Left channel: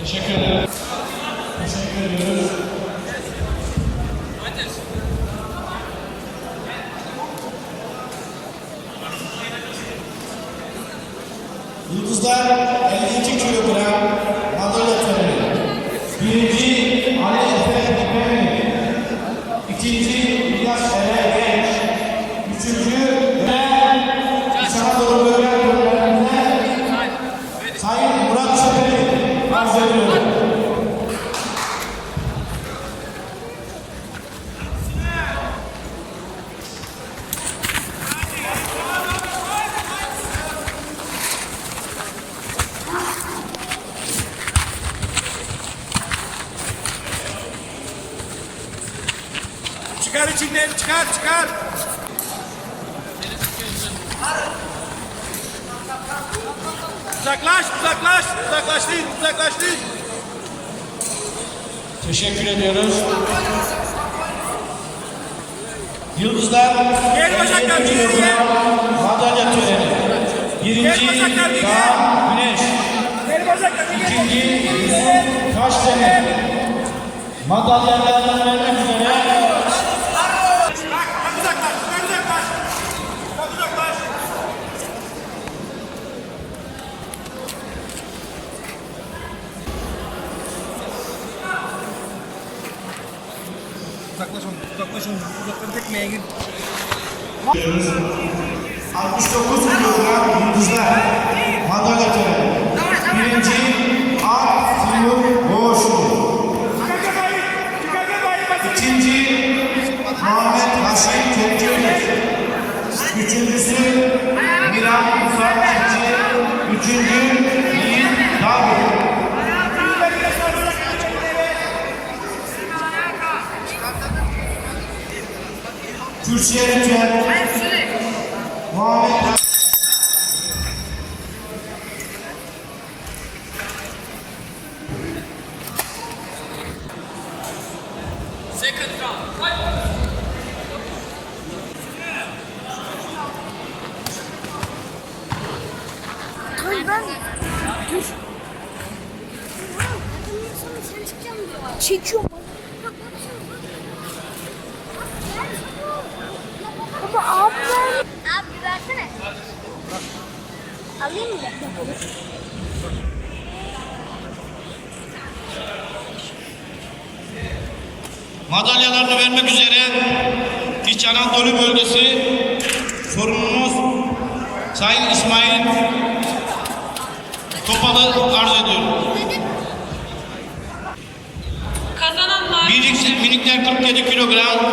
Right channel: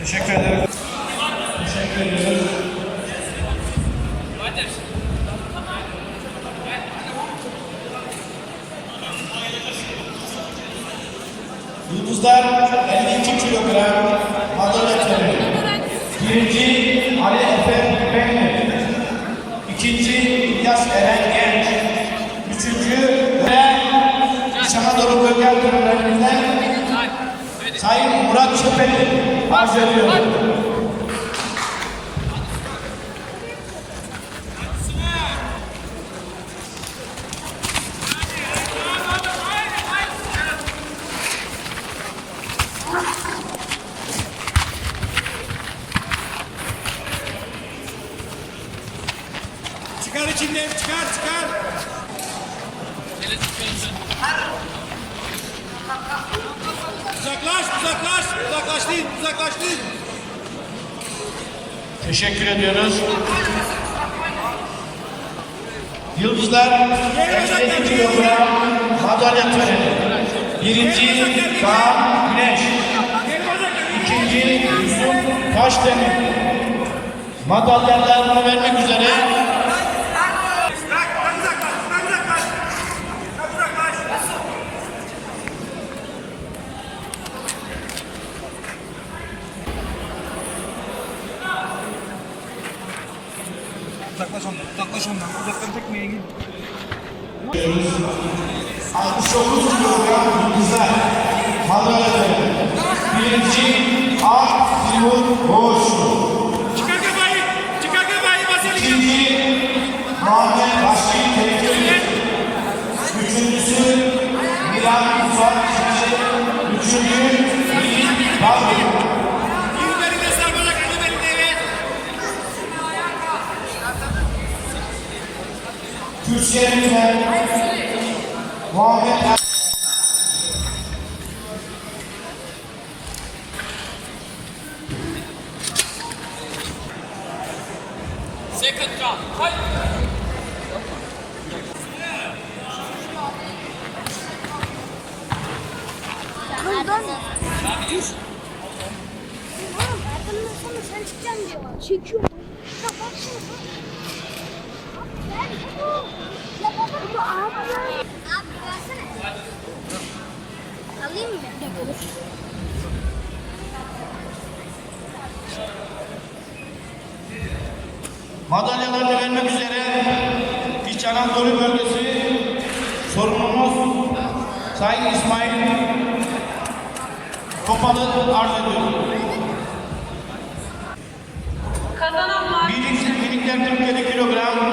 Teşekkür ederim. Teşekkür ediyoruz. Yıldızlar 52 kilogram madalya töreni. Birinci Ali Efe Tümenli. İkinci İlyas Eren Genç. Üçüncü İç Anadolu Bölge Antrenörleri'nde Sayın Murat Şüpheli arz ediyor. Çıkar içinden, çıkar. Uzaklaş değil. Teşekkür ediyoruz. Yıldızlar 52 kilogram madalya töreni. Birinci Kaan Güneş. İkinci Yusuf Taşdemir. Madalyalarını vermek üzere Uzaklaş ondan. Uzaktan tekmeye gir. 69 kilogram yıldızlar madalya töreni. Birinci A. Timur Boğuşlu. Çıkar kafayı. İkinci Muhammed Basil Tepçeli. Üçüncüsü Miran Musaççı. Üçüncü Yiğit Dağgül. Kürsüye lütfen. Muhammed Hayır ben... Dur. Sen çıkacaksın diyor. Çekiyorum bana. Ya bak şimdi. Ama abi ver. Abi versene. Alayım mı? Olur. madalyalarını vermek üzere İç Anadolu Bölgesi sorumlumuz Sayın İsmail Topal'ı arz ediyorum. Minikler 47 kilogram